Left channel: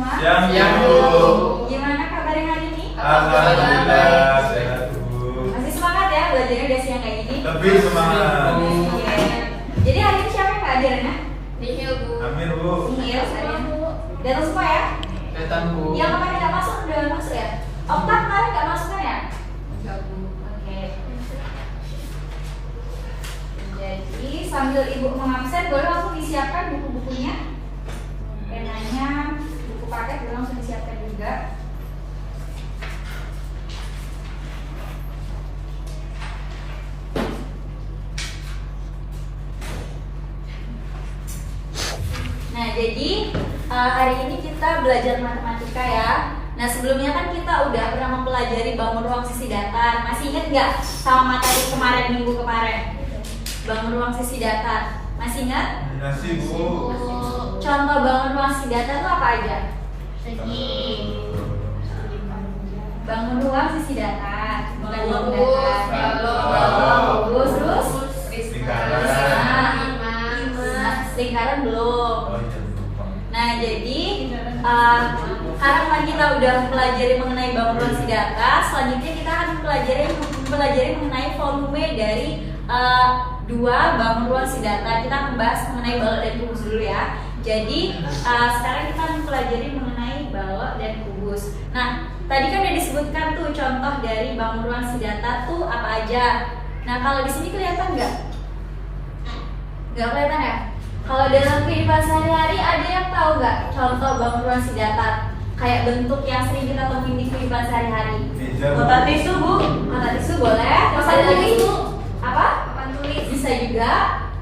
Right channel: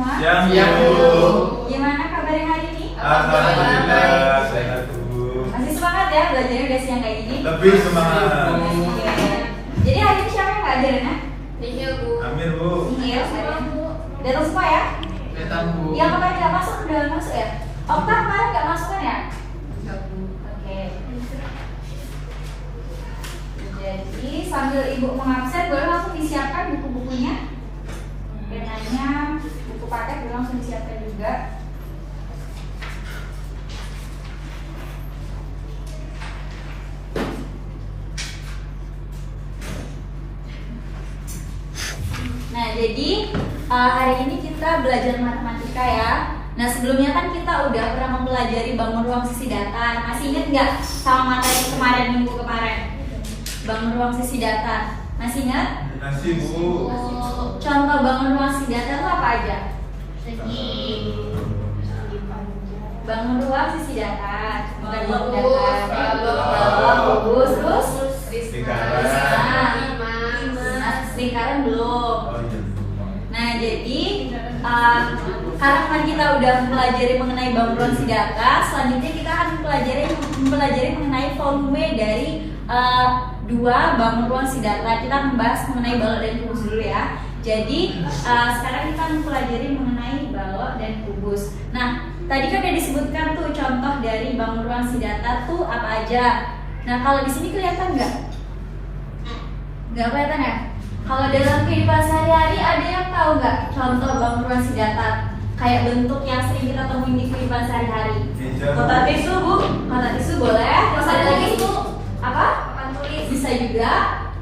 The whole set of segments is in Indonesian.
semua? Siang, Bu. Gimana kabarnya hari ini? Alhamdulillah, sehat, Bu. Masih semangat ya belajarnya udah siang kayak gini? Lebih semangat. Iya. Jadi hari ini siapa yang nggak hadir, Nak? Nihil, Bu. Amin, Bu. Iya, saya. Datang semua ya? Datang, Bu. Yang kemarin nggak masuk udah masuk ya? Okta kemarin nggak masuk kan ya? Enggak, Bu. Oke. Jadi sambil ibu mengabsen, boleh langsung disiapkan buku-bukunya. Penanya, buku paket boleh langsung disiapkan juga. Nah, jadi hari ini kita belajar matematika ya. Nah, sebelumnya kan kita udah pernah mempelajari bangun ruang sisi datar. Masih ingat nggak sama materi kemarin, minggu kemarin? Bangun ruang sisi datar. Masih ingat? Masih, Bu. Contoh bangun ruang sisi datar itu apa aja? Bangun ruang sisi datar. Bukan ruang datar. Bagus. Terus? Lingkaran belum. Nah, jadi karena kan kita udah mempelajari mengenai bangun ruang sisi datar, selanjutnya kita akan mempelajari mengenai volume dari dua bangun ruang sisi datar. Kita membahas mengenai balok dan kubus dulu ya. Jadi sekarang kita mempelajari mengenai balok dan kubus. Nah, tadi kan udah disebutkan tuh contoh dari bangun ruang sisi datar tuh apa aja. Nah, kalau di sini kelihatan nggak? Nggak kelihatan ya? Kalau dalam kehidupan sehari-hari ada yang tahu nggak contoh bangun ruang sisi datar? Kayak bentuk yang sering kita temuin di kehidupan sehari-hari. Kotak tisu, Bu. Kotak tisu boleh. Terus ada lagi itu apa? Papan tulis. Bisa juga.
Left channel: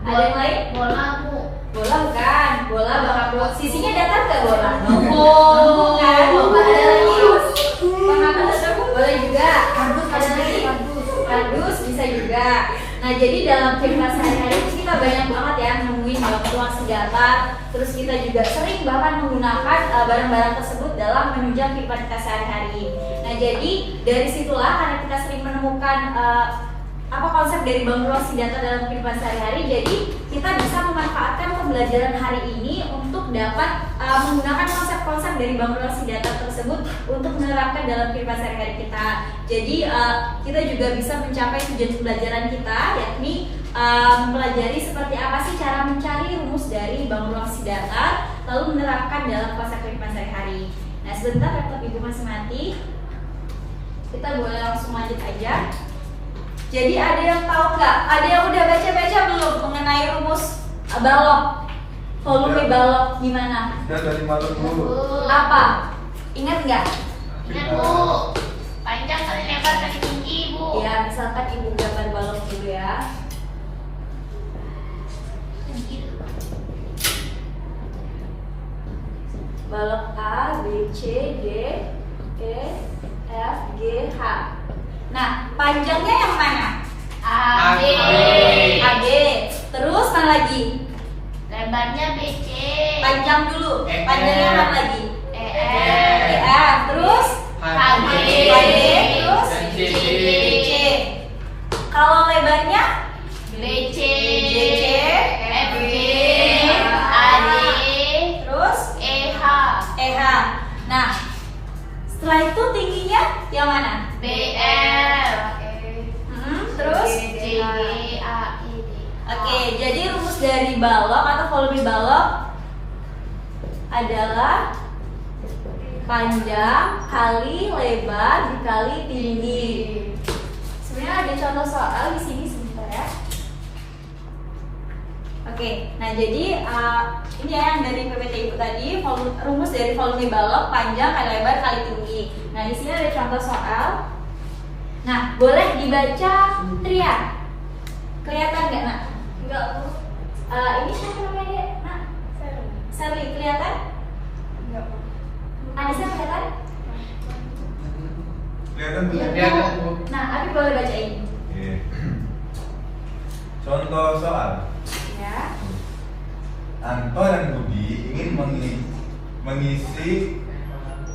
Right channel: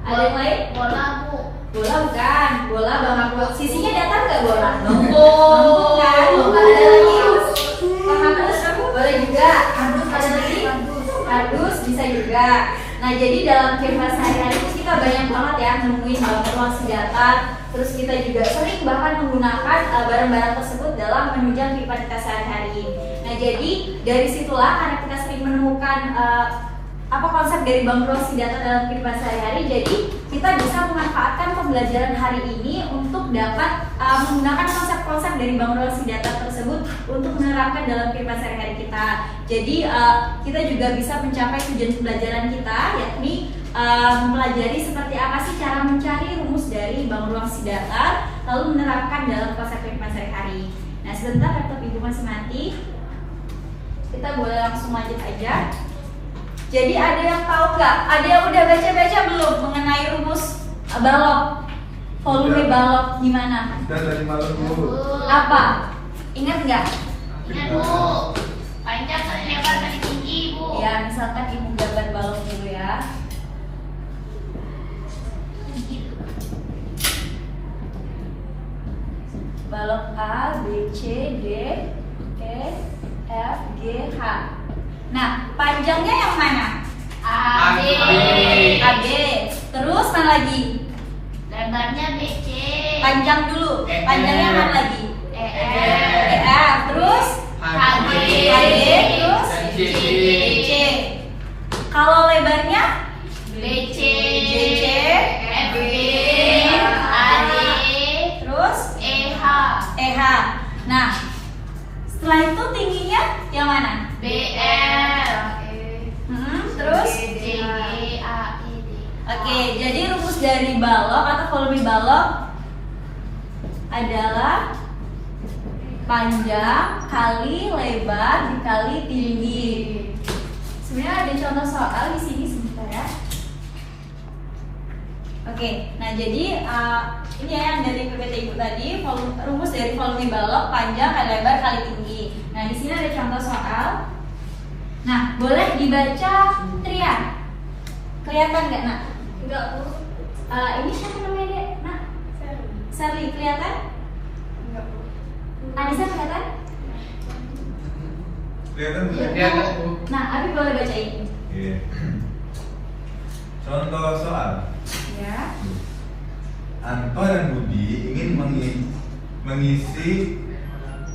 Ada yang lain? Bola, Bu. Bola bukan. Bola bangka ruang. Sisinya datar nggak bola? Lengkung. Lengkung kan? Ada lagi? Penghapus boleh juga. Ada lagi? Kardus bisa juga. Nah, jadi dalam kehidupan sehari-hari kita banyak banget ya nemuin bangun ruang sisi datar. Terus kita juga sering bahkan menggunakan barang-barang tersebut dalam menunjang kehidupan kita sehari-hari. Nah, jadi dari situlah karena kita sering menemukan apa konsep dari bangun ruang sisi datar dalam kehidupan sehari-hari, jadi kita bisa memanfaatkan pembelajaran hari ini untuk dapat menggunakan konsep-konsep dari bangun ruang sisi datar tersebut untuk menerapkan dalam kehidupan sehari-hari kita. Jadi kita juga bisa mencapai tujuan pembelajaran kita, yakni mempelajari seperti apa sih cara mencari rumus dari bangun ruang sisi datar, lalu menerapkan dalam konsep kehidupan sehari-hari. Nah, sebentar laptop ibu masih mati, kita boleh langsung lanjut aja. Jadi ada yang tahu nggak? Ada yang udah baca-baca belum mengenai rumus balok? Volume balok gimana? Dan dari malam, Bu. Apa? Ingat nggak? Ingat, Bu. Panjang kali lebar kali tinggi, Bu. Ya, misalkan ibu gambar balok dulu ya. Balok A, B, C, D, E, F, G, H. Nah, panjangnya yang mana? AB. AB. Terus mana lagi? Lebarnya BC. Panjang dulu. Panjangnya mana lagi? EF. EF. Terus? HG. HD. Terus? CC. C. Kalau lebarnya? BC. BC. FB. AD. Terus? EH. EH. Nah, setelah itu tingginya yang mana? BL. Terus? DG. Oke, jadi rumus dari balok atau volume balok adalah panjang kali lebar dikali tinggi. Sebenarnya ada contoh soal di sini sebentar ya. Oke, nah jadi ini ya yang dari PPT Ibu tadi, rumus dari volume balok panjang kali lebar kali tinggi. Nah, di sini ada contoh soal. Nah, boleh dibaca Trian. Kelihatan nggak, Nak? Enggak, Bu. Ini siapa namanya dia? Nak? Sally, kelihatan? Enggak, Bu. Anissa kelihatan? Kelihatan, Bu? Nah, Abi boleh bacain. Iya. Contoh soal. Ya. Anto dan Budi ingin mengisi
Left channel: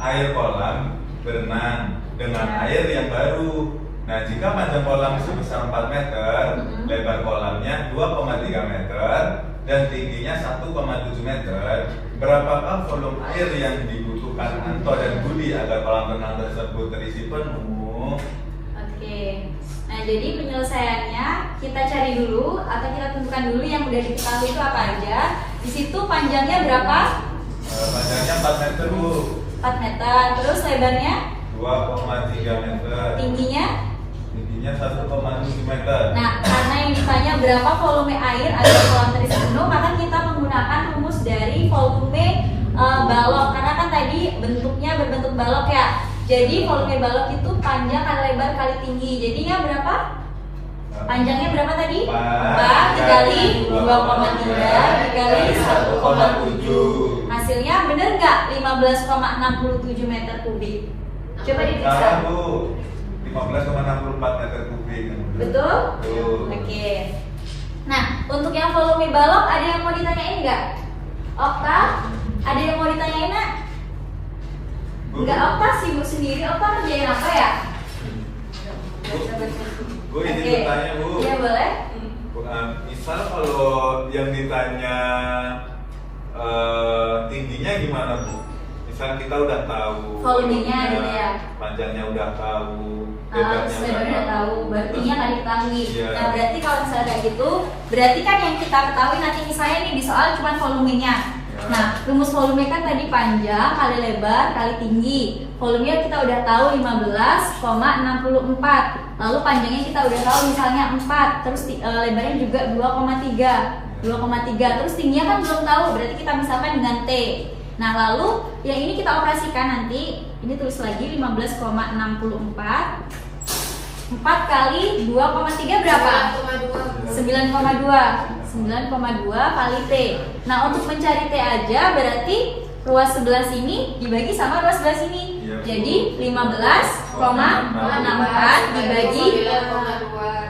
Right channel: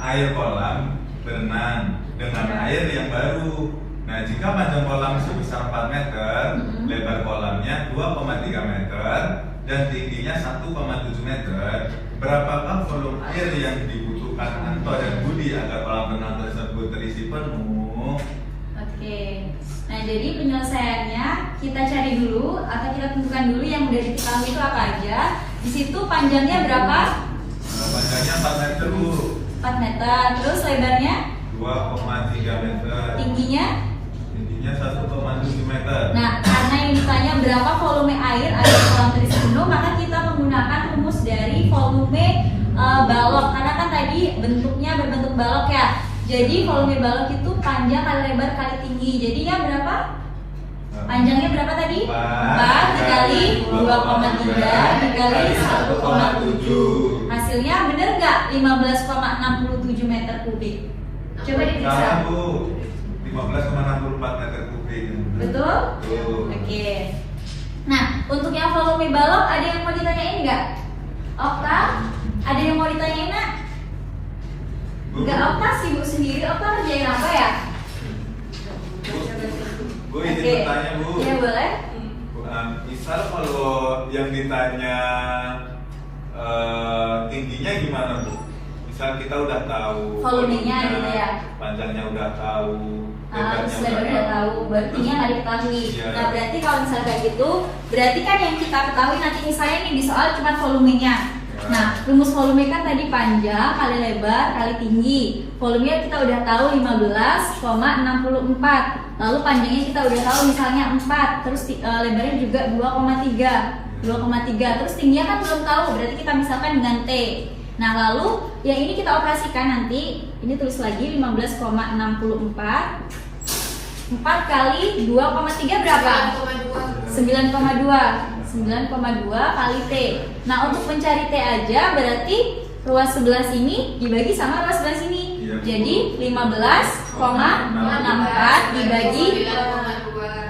air kolam berenang dengan air yang baru. Nah, jika panjang kolam sebesar 4 meter, lebar kolamnya 2,3 meter, dan tingginya 1,7 meter, berapakah volume air yang dibutuhkan bukan Anto dan Budi agar kolam renang tersebut terisi penuh. Oke. Nah, jadi penyelesaiannya kita cari dulu atau kita tentukan dulu yang udah diketahui itu apa aja. Di situ panjangnya berapa? Panjangnya 4 meter Bu. 4 meter. Terus lebarnya? 2,3 meter. Tingginya? Tingginya 1,7 meter. Nah, karena ini ditanya berapa volume air agar kolam terisi penuh, maka kita menggunakan rumus dari volume balok. Karena kan tadi bentuknya berbentuk balok ya. Jadi volume balok itu panjang kali lebar kali tinggi. Jadinya berapa? Panjangnya berapa tadi? 4 dikali 2,3 dikali 1,7. Hasilnya bener nggak? 15,67 meter kubik. Coba diperiksa. Salah Bu. 15,64 meter kubik. Betul? Betul. Oke. Nah, untuk yang volume balok ada yang mau ditanyain nggak? Okta? Ada yang mau ditanyain nggak? Nggak, Okta sibuk sendiri. Okta kerjain apa ya? Bu izin Oke. bertanya Bu. Iya boleh. Misal kalau yang ditanya tingginya gimana Bu? Misal kita udah tahu Volumenya gitu ya. panjangnya udah tahu, Kalau lebarnya sudah udah tahu, berartinya nggak diketahui. Iya. Nah, berarti kalau misalnya kayak gitu, berarti kan yang kita ketahui nanti misalnya ini di soal cuma volumenya. Nah, rumus volume kan tadi panjang kali lebar kali tinggi. Volumenya kita udah tahu 15,64. Lalu panjangnya kita udah tahu misalnya 4, terus lebarnya juga 2,3. Terus tingginya kan belum tahu, berarti kita misalkan dengan T. Nah, lalu yang ini kita operasikan nanti. Ini tulis lagi 15,64. 4 kali 2,3 berapa? 9,2 kali T. Nah, untuk mencari T aja berarti ruas sebelah sini dibagi sama ruas sebelah sini. Iya. Jadi 15,64 dibagi,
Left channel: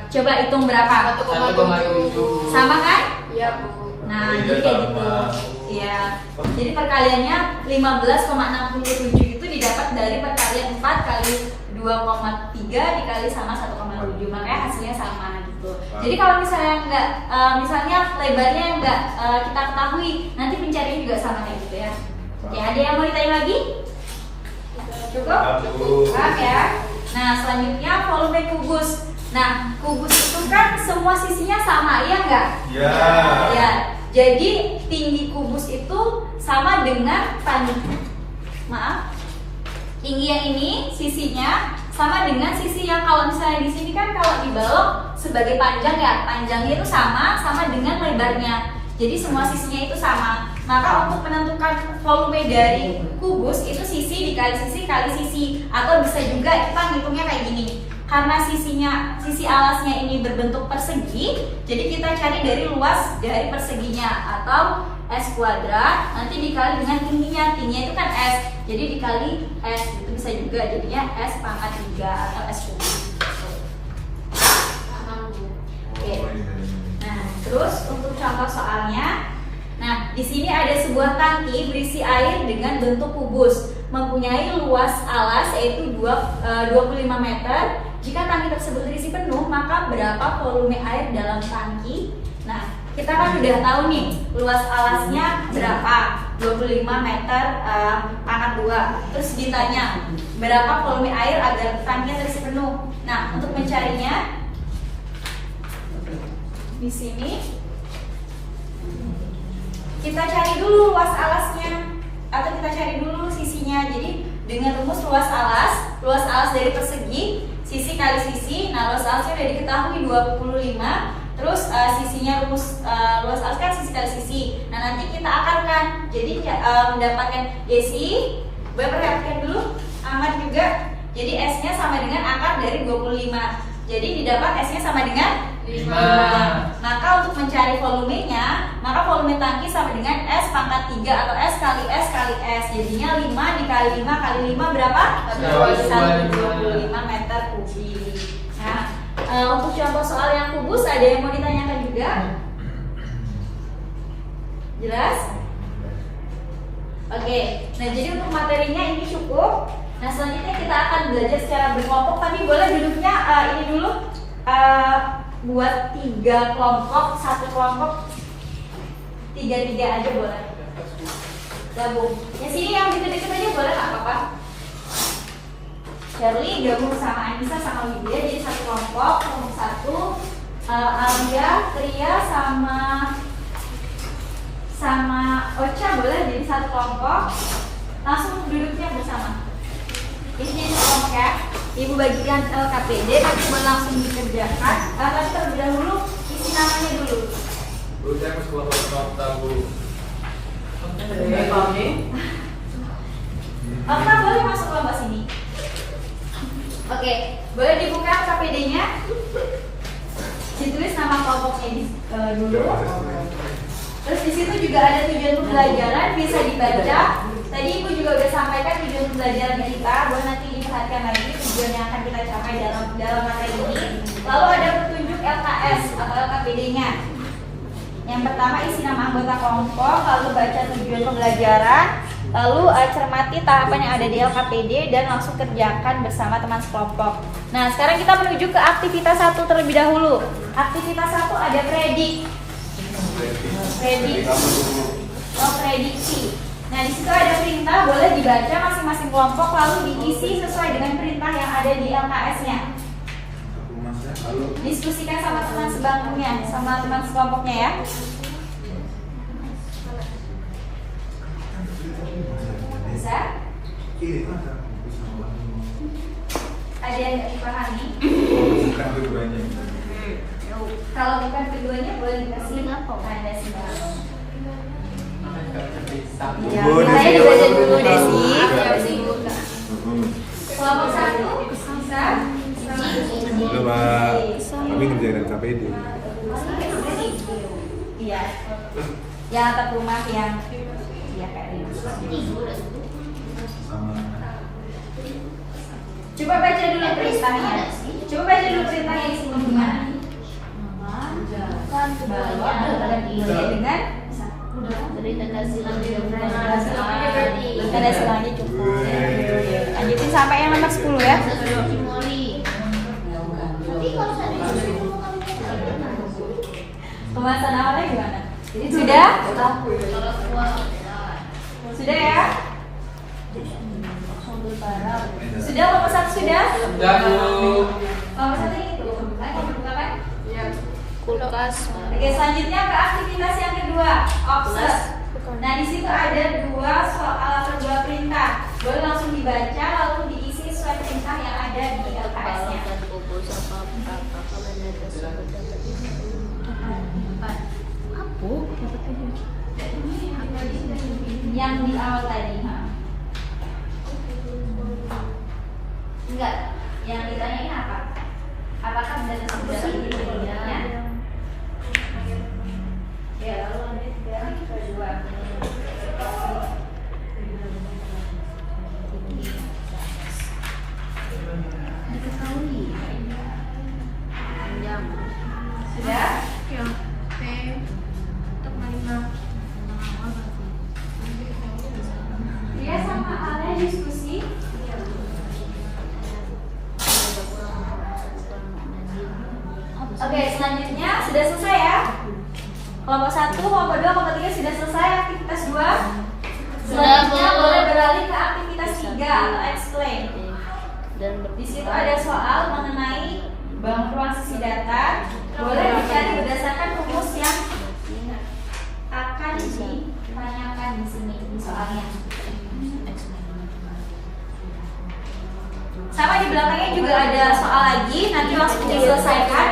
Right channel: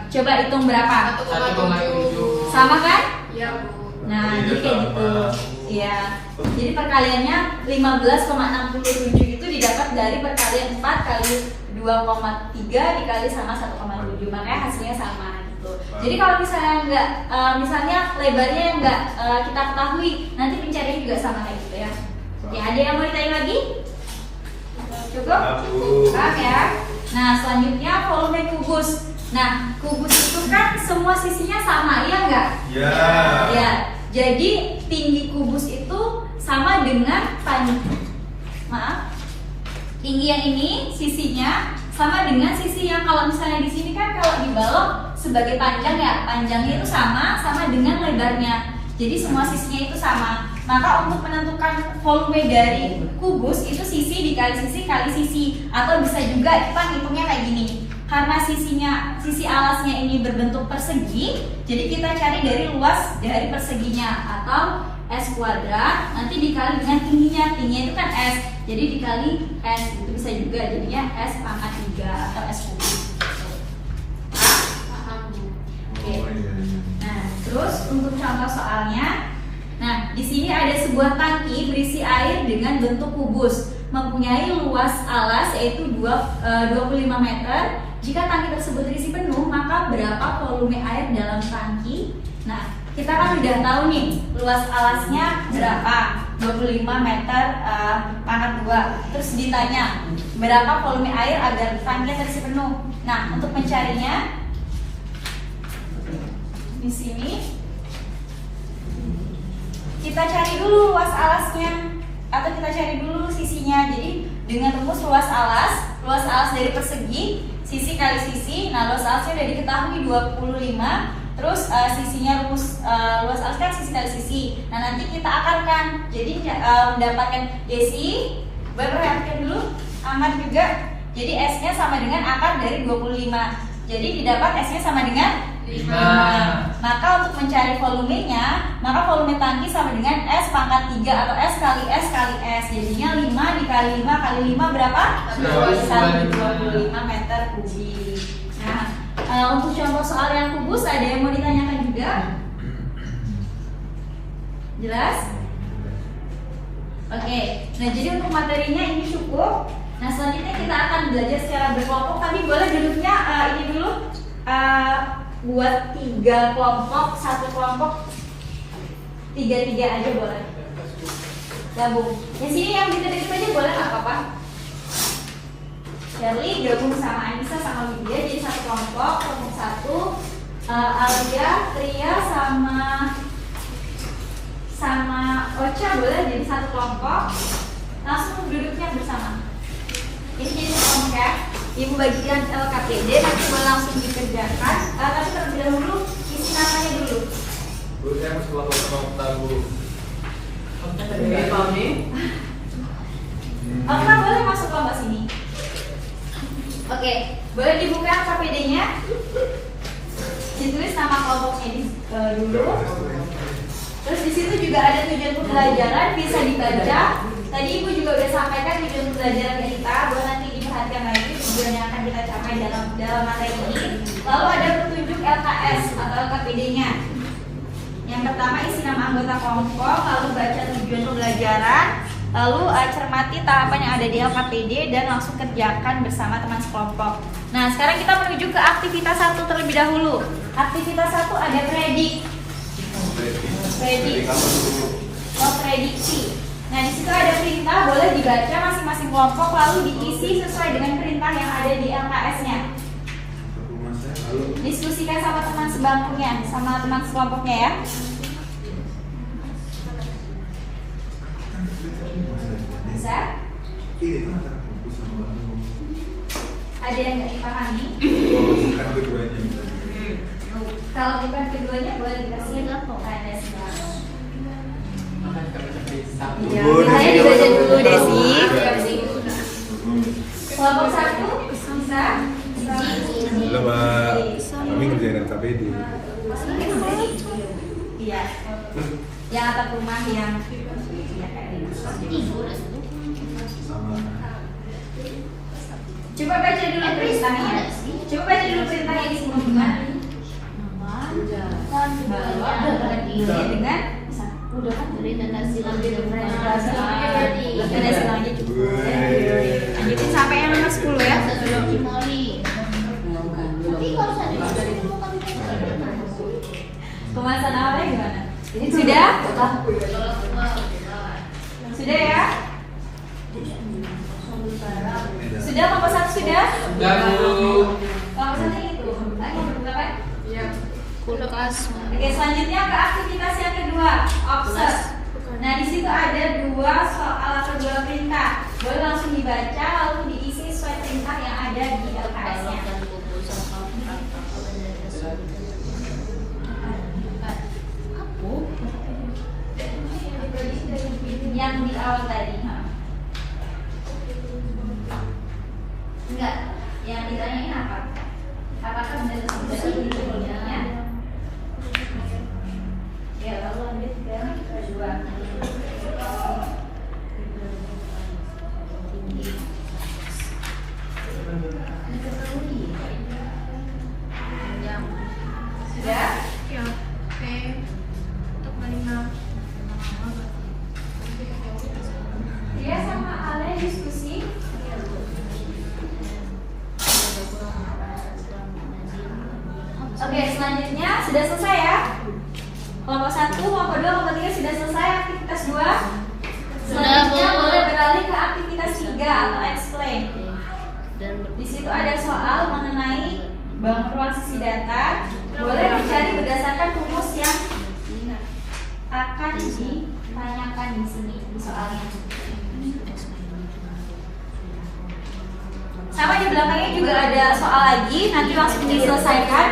coba hitung berapa? 1,7. Sama kan? Iya. Nah, Iya, jadi kayak sama. gitu. Ya. Jadi perkaliannya 15,67 itu didapat dari perkalian 4 kali 2,3 dikali sama 1,7. Makanya hasilnya sama gitu. Jadi kalau misalnya enggak misalnya lebarnya enggak kita ketahui, nanti pencarian juga sama kayak gitu ya. Ya, ada yang mau ditanya lagi? Cukup? Paham ya? Nah, selanjutnya volume kubus. Nah, kubus itu kan semua sisinya sama, iya enggak? Ya. Ya, jadi tinggi kubus itu sama dengan tinggi yang ini sisinya sama dengan sisi yang kalau misalnya di sini kan kalau dibalok sebagai panjang ya, panjangnya itu sama dengan lebarnya. Jadi semua sisinya itu sama. Maka untuk menentukan volume dari kubus itu sisi dikali sisi kali sisi, atau bisa juga kita ngitungnya kayak gini. Karena sisi alasnya ini berbentuk persegi, jadi kita cari dari luas dari perseginya atau S kuadrat nanti dikali dengan tingginya itu kan S, jadi dikali S itu bisa juga jadinya S pangkat 3 atau S kubik. Oke. Nah, terus untuk contoh soalnya, nah di sini ada sebuah tangki berisi air dengan bentuk kubus, mempunyai luas alas yaitu 25 meter. Jika tangki tersebut terisi penuh, maka berapa volume air dalam tangki? Nah, kita kan udah tahu nih luas alasnya berapa, 25 meter pangkat 2. Terus ditanya berapa volume air agar tangki terisi penuh. Nah, untuk mencarinya di sini kita cari dulu luas alasnya atau kita cari dulu sisinya. Jadi dengan rumus luas alas dari persegi, sisi kali sisi. Nah, luas alasnya udah diketahui 25. Terus sisinya luas alas kan sisi kali sisi. Nah, nanti kita akarkan. Jadi mendapatkan Desi, perhatikan dulu, Ahmad juga. Jadi S-nya sama dengan akar dari 25. Jadi didapat S-nya sama dengan 5. Maka untuk mencari volumenya, maka volume tangki sama dengan S pangkat 3 atau S kali S kali S. Jadinya 5 dikali 5 kali 5 berapa? 125 meter kubik. Nah, untuk contoh soal yang kubus ada yang mau ditanyakan juga? Jelas? Oke. Nah, jadi untuk materinya ini cukup. Nah, selanjutnya kita akan belajar secara berkelompok. Tapi boleh duduknya ini dulu. Buat 3 kelompok, 1 kelompok 3 aja boleh. Gabung. Yang sini yang gitu-gitu aja boleh nggak apa-apa? Shirley gabung sama Anissa sama Widya jadi satu kelompok. Kelompok satu Alia, Tria sama Ocha boleh jadi satu kelompok. Langsung duduknya bersama. Ini jadi kelompok ya. Ibu bagikan LKPD nanti langsung dikerjakan. Tapi terlebih dahulu isi namanya dulu. Bu, saya mau kelompok Bu. Okta boleh masuk kelompok sini. Oke, boleh dibuka LKPD-nya. Ditulis nama kelompoknya dulu. Terus di situ juga ada tujuan pembelajaran bisa dibaca. Tadi Ibu juga udah sampaikan tujuan pembelajaran kita. Boleh nanti diperhatikan lagi tujuan yang akan kita capai dalam materi ini. Lalu ada petunjuk LKS atau LKPD-nya. Yang pertama isi nama anggota kelompok, lalu baca tujuan pembelajaran, lalu cermati tahapan yang ada di LKPD dan langsung kerjakan bersama teman sekelompok. Nah, sekarang kita menuju ke aktivitas 1 terlebih dahulu. Aktivitas 1 ada prediksi. Nah, di situ ada perintah, boleh dibaca masing-masing kelompok lalu diisi sesuai dengan perintah yang ada di LKS-nya. Diskusikan sama teman sebangkunya, sama teman sekelompoknya ya. Bisa? Ada yang nggak dipahami? Bukan keduanya. Kalau bukan keduanya boleh dikasih tanda sebangku. Saya dibaca dulu Desi. Kelompok 1 Musa. Halo Pak, kami ngerjain LKPD. Iya. Yang atap rumah yang iya kayak gitu. Coba baca dulu perintahnya. Coba baca dulu perintahnya di sini gimana? Dengan Dari tanda silang tidak tanda silangnya cukup. Lanjutin sampai yang nomor 10 ya. Tapi kalau saya Pembahasan awalnya gimana? Sudah? Sudah ya? Sudah kelompok 1 sudah? Kelompok 1 ini tuh. Buka kan? kulkas. Oke, selanjutnya ke aktivitas yang kedua, observe. Nah, di situ ada 2 soal atau 2 perintah. Boleh langsung dibaca lalu diisi sesuai perintah yang ada di LKS-nya. Yang di awal tadi, enggak. Yang ditanyain apa? Apakah benar sudah ini pertanyaannya? Ya, lalu lanjut ke kedua. Sudah? Dia sama Ale diskusi. Oke, selanjutnya sudah selesai ya. Kelompok 1, kelompok 2, kelompok 3 sudah selesai aktivitas 2. Selanjutnya boleh beralih ke aktivitas 3 atau explain. Di situ ada soal mengenai bangun ruang sisi data. Boleh dicari berdasarkan rumus yang akan ditanyakan di sini di soalnya. Sama di belakangnya juga ada soal lagi, nanti langsung diselesaikan.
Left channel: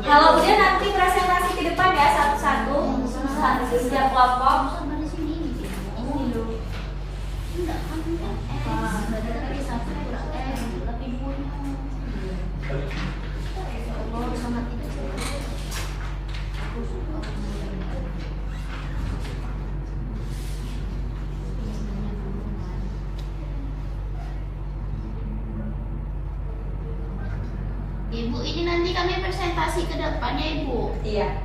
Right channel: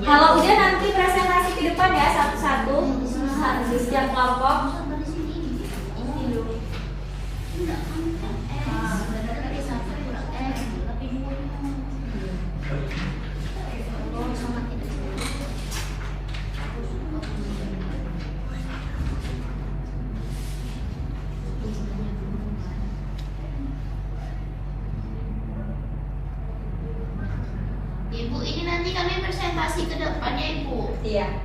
Kalau udah nanti presentasi ke depan ya satu-satu setiap kelompok. Ibu, ini nanti kami presentasi ke depan ya Ibu. Iya.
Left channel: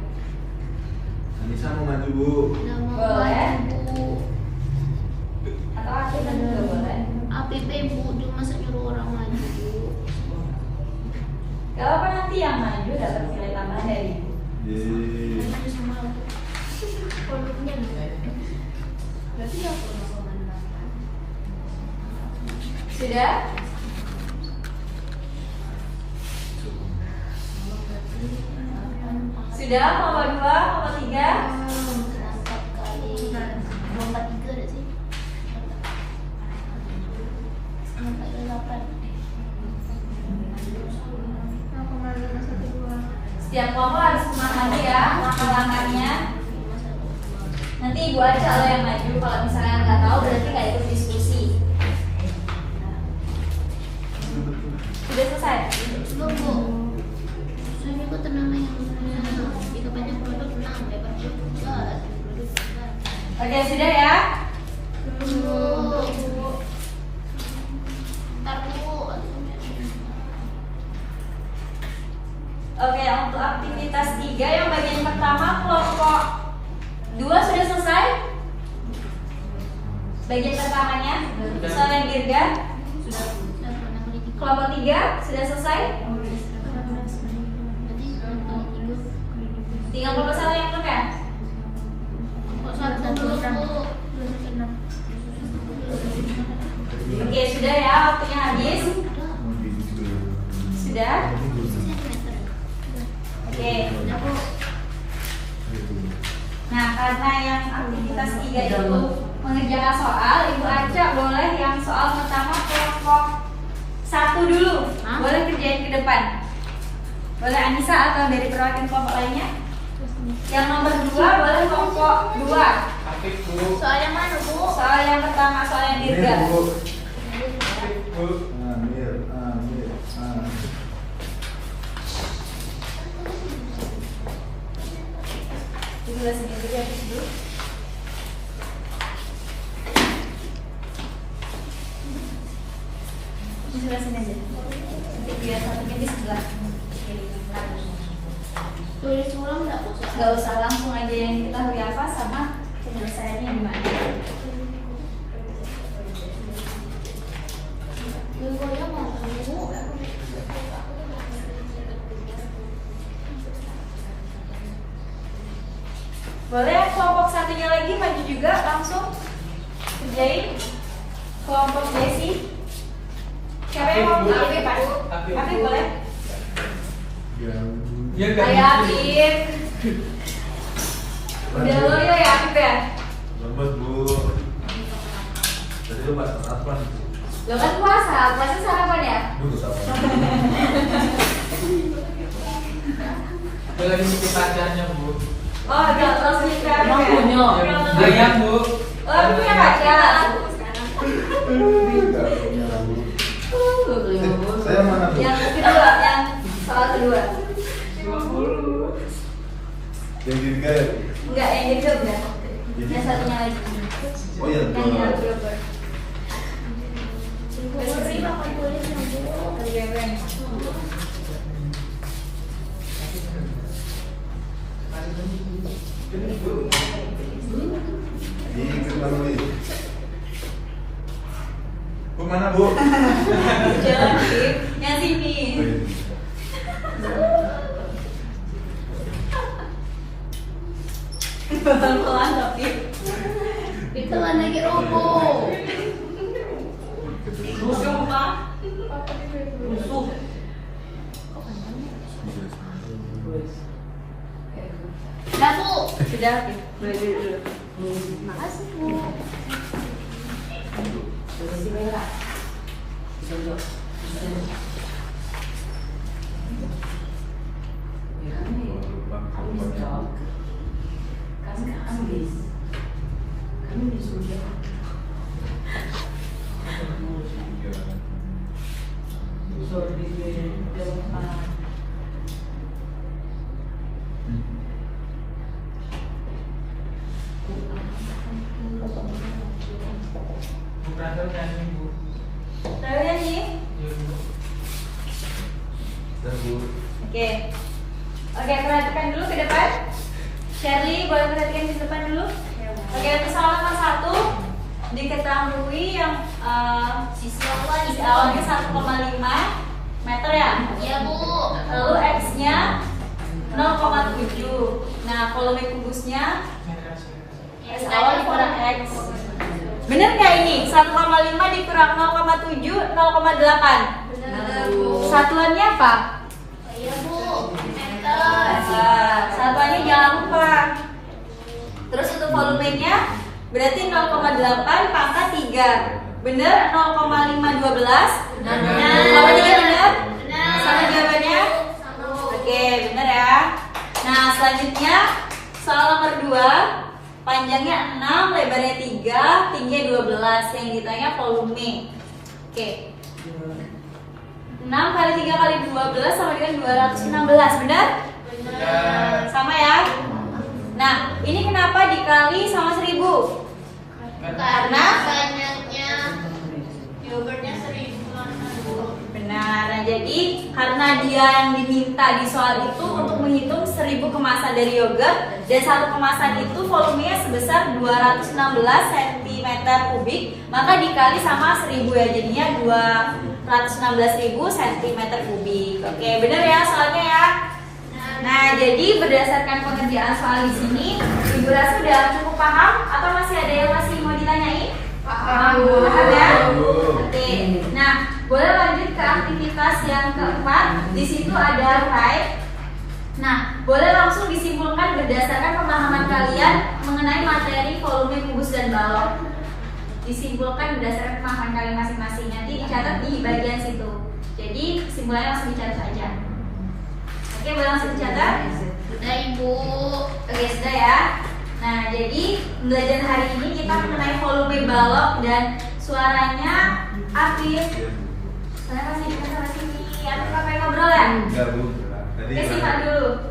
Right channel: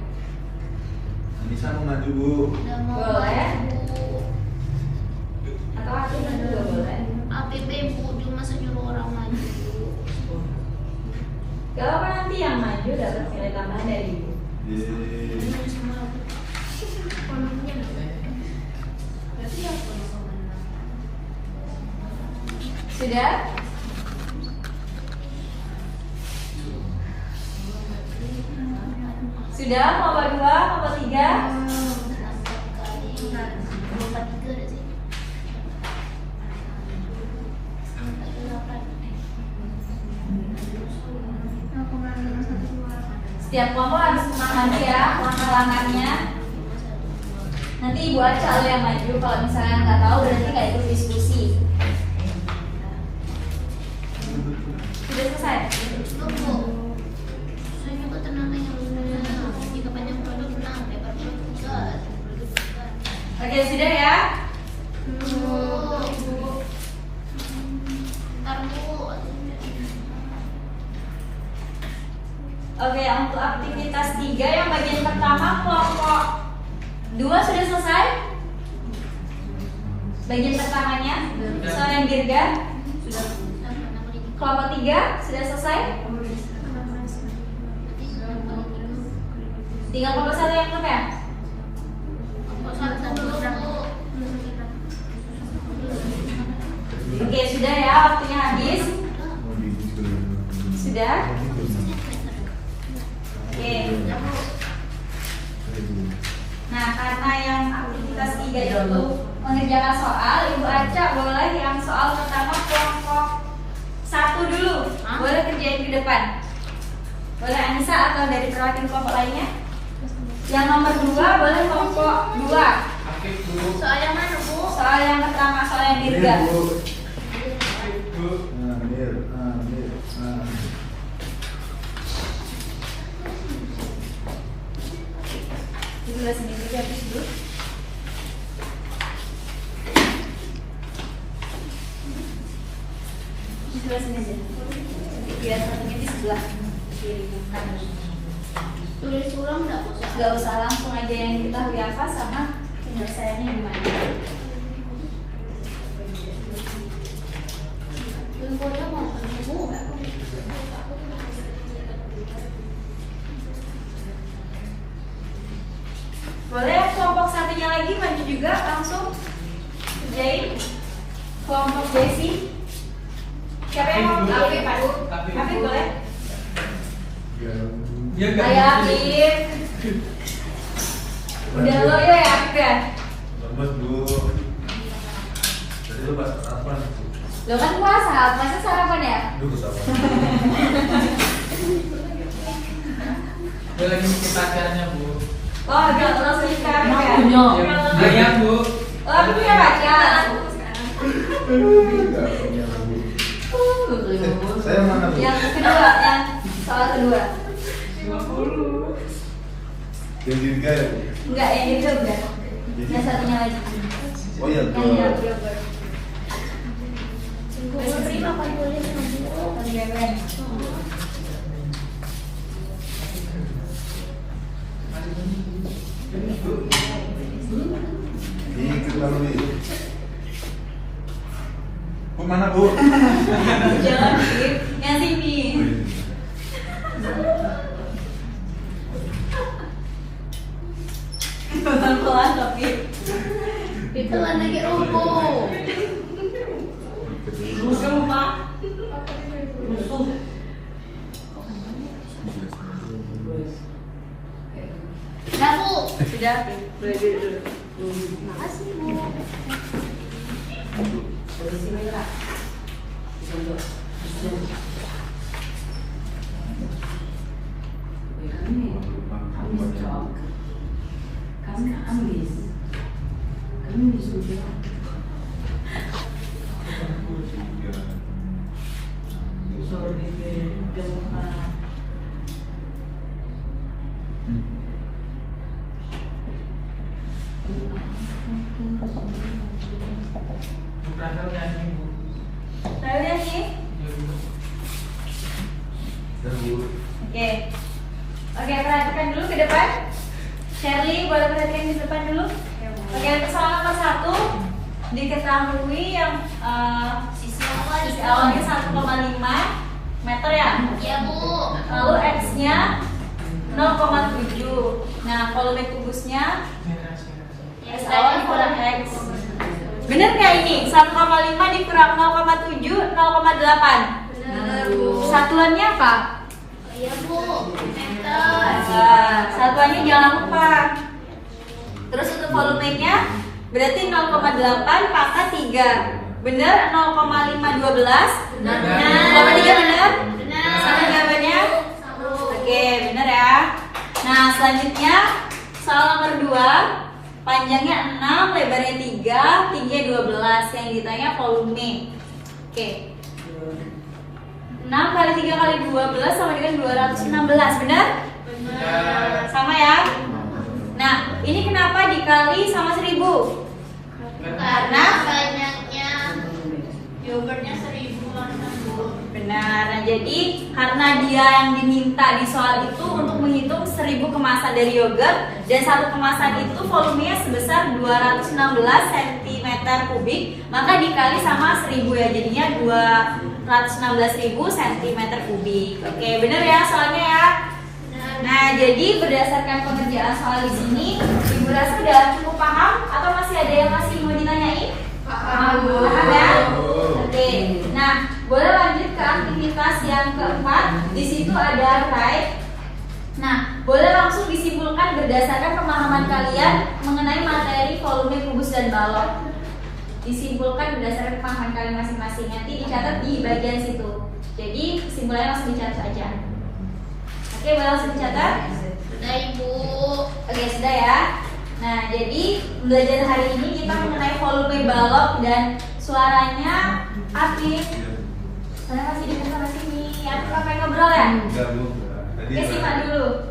Anissa mau maju Bu. Udah mau Boleh. maju. Atau akhirnya juga boleh. APP Bu, cuma senyuruh orang maju. Gak apa nanti yang maju dapat nilai tambahan dari ibu. Yeay. Sudah? Sudah, nomor 2, nomor 3. Setiap kelompok harus memahami ya halangannya. Nanti Ibu Aca lo yang maju. Kalau misalnya nggak tahu berarti nggak ikut diskusi. Sudah selesai? Oke, sudah ya? Oke, untuk aktivitas 3 yang bagian pertama kelompok 2 sudah selesai? Bagian pertamanya soal yang dirga. Kelompok 3 sudah selesai? Tinggal kelompok 1 yang belum ya? Oke, sudah ya, waktunya habis. Sudah? Oke. Nah, karena yang aktivitas 3 itu mengerjakan soal, Ibu Aca boleh yang soal pertama kelompok 1 dulu. Boleh kerjain ke depan. Boleh Anissa atau dari perwakilan kelompok lainnya? Yang nomor 2 boleh kelompok 2. Soal yang mana, Bu? Soal yang pertama, soal yang dirga. Jadi bahasa Inggris habis dulu. Sebelah sini aja. Biar satunya di sebelah kiri kanan. Tulis ulang nggak usah. Gak usah, langsung aja yang kita apa sama penyelesaiannya gimana. Boleh kelompok satunya lagi maju juga langsung kerjain. Kelompok Desi. Siapa yang mau? Afif, Pak. Afif boleh? Ayo Afif. Udah lo ya Afif ya? Lemes Bu. Jadi Mas apa nih? Lo kan puasa, masa sarapan ya? Dulu apa? Boleh ngisi pacarnya Bu. Oh, gak lo cerita ya? Banyak Bu. Oh, punya pacar. Saya mana Bu? Yang kedua, yang soal kedua. Yang dirga ya Bu? Enggak, yang itu udah. Yang satunya lagi. Oh ya Yang tuh. ini lagi. Besok terima kan tulis Dikit lagi. Bu mana Bu? Jangan Fif, yang sini. Pelan-pelan tapi Itu lagi rubuh. musuh Pak. Musuh. Nah, Bu. Sudah, boleh dulu. Makasih Bu. Bismillah. Kami disuruh. Bukan nyanyi Bu. Tahu ya sih? Oke. Oke, perhatikan dulu ke depan. Shirley, boleh perhatikan ke depan dulu. Oke, untuk soal nomor 1 diketahui yang sisi awalnya 1,5 meter ya. Iya, Bu. Lalu X-nya 0,7. Nah, volume kubusnya X awal dikurang X. Bener nggak ini? 1,5 dikurang 0,7, 0,8. Benar, Bu. Satuannya apa? Iya, Bu. Meter. Satuannya jangan lupa. Terus untuk volumenya berarti 0,8 pangkat 3. Bener 0,512? Sama juga bener? Benar. Sama jawabannya? Sambung. Oke, bener ya. Nah, selanjutnya soal nomor 2. Panjangnya 6, lebarnya 3, tingginya 12. Yang ditanya volume. Oke. 6 kali 3 kali 12 sama dengan 216, benar? Benar. Sama ya? Nah, ini kenapa dikali sama 1000? Karena banyaknya yogurtnya 1000 mangkok, Bu. Benar. Nah, jadi karena dia yang diminta di soal itu untuk menghitung 1000 kemasan dari yogurt dan satu kemasan itu volumenya sebesar 216 cm3, maka dikali sama 1000 ya, jadinya 216.000 cm3. Oke, benar ya soalnya ya. Nah, jadi berdasarkan pengerjaan soal di sini, Ibu Rasa sudah cukup paham atau masih ada yang masih mau ditanyain? Paham ya? Oke. Nah, boleh lanjut ke aktivitas yang keempat. Di situ ada write. Nah, boleh langsung disimpulkan berdasarkan pemahaman kalian mengenai materi volume kubus dan balok. Disimpulkan berdasarkan pemahaman kalian masing-masing. Nanti dicatat di bagian situ. Jadi kesimpulannya langsung dicatat aja. Oke, boleh langsung dicatat? Sudah, Ibu. Oke, sudah ya. Nah, jadi belajar hari ini kita mengenai volume balok dan suaranya Afif. Saya masih di sana sini. Afif apa yang ngobrol ya? Enggak, Bu. Oke, simak dulu.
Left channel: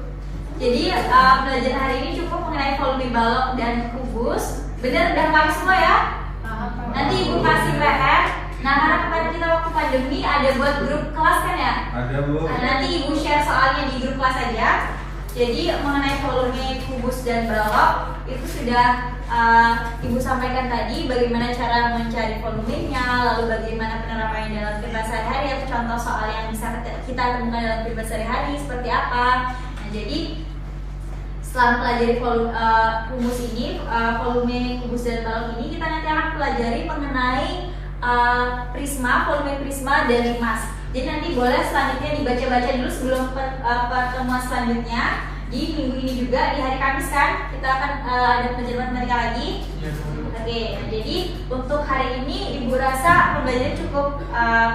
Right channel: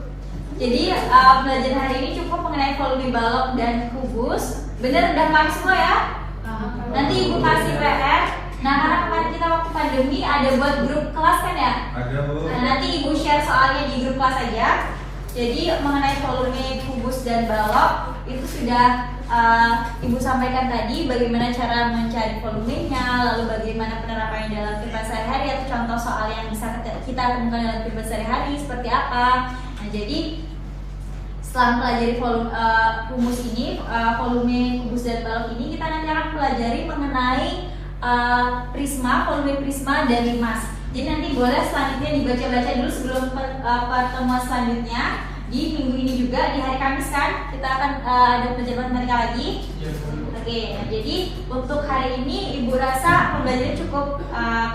Jadi belajar hari ini cukup mengenai volume balok dan kubus. Bener, udah paham semua ya? Nanti Ibu kasih PR. Nah, karena kemarin kita waktu pandemi ada buat grup kelas kan ya? Ada, Bu. Nah, nanti Ibu share soalnya di grup kelas aja. Jadi mengenai volume kubus dan balok itu sudah Ibu sampaikan tadi bagaimana cara mencari volumenya, lalu bagaimana penerapannya dalam kehidupan sehari-hari atau contoh soal yang bisa kita temukan dalam kehidupan sehari-hari seperti apa. Nah, jadi setelah mempelajari rumus ini, volume kubus dan balok ini, kita nanti akan pelajari mengenai prisma, volume prisma dan limas. Jadi nanti boleh selanjutnya dibaca-baca dulu sebelum pertemuan selanjutnya di minggu ini juga di hari Kamis kan kita akan ada pelajaran matematika lagi. Oke, nah, jadi untuk hari ini Ibu rasa pembelajarannya cukup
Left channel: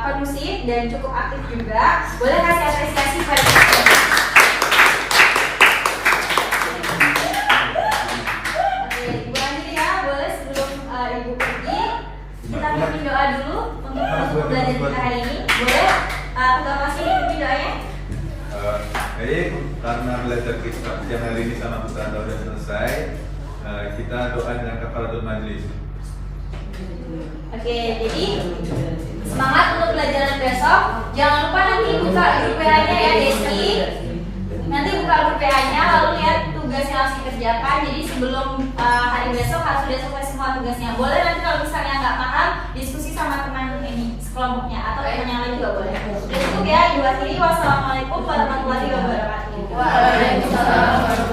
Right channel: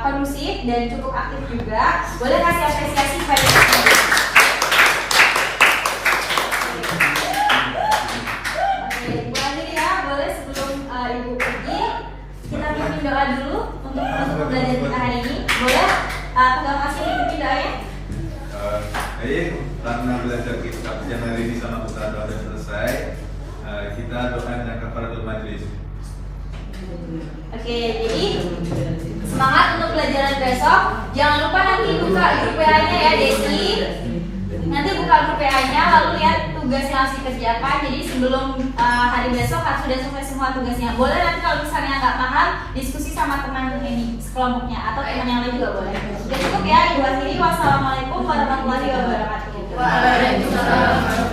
kondusif dan cukup aktif juga. Boleh kasih apresiasi pada Ibu Andri ya, boleh sebelum Ibu pergi kita pimpin doa dulu untuk belajar kita hari ini. Boleh Ketua Pasien dipimpin doanya? Baik, karena belajar kitab yang hari ini sama Ustaz sudah selesai, kita doakan yang kafaratul majlis. Oke, jadi semangat untuk pelajaran besok. Jangan lupa nanti buka grup PA-nya ya, Desi. Nanti buka grup PA-nya, lalu lihat tugas yang harus dikerjakan. Jadi sebelum hari besok harus sudah selesai semua tugasnya. Boleh nanti kalau misalnya nggak paham, diskusi sama teman ini sekelompoknya atau teman yang lain juga boleh. Cukup ya, Ibu Akhiri. Wassalamualaikum warahmatullahi wabarakatuh. Waalaikumsalam.